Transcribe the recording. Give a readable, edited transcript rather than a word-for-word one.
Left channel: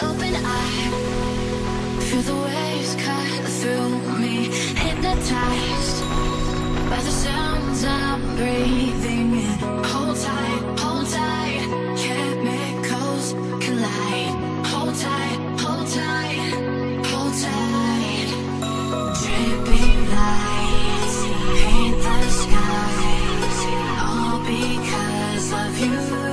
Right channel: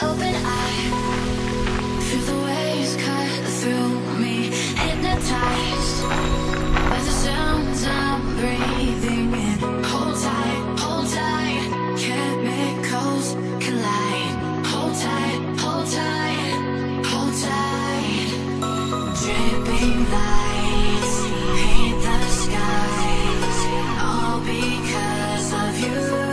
Open eye, feel the waves cut through me. Hypnotized by the sounds I'm breathing in. Hold tight, chemicals collide. Hold tight, hold tight, hold tight. Dripping lights paint the skies, all because of you.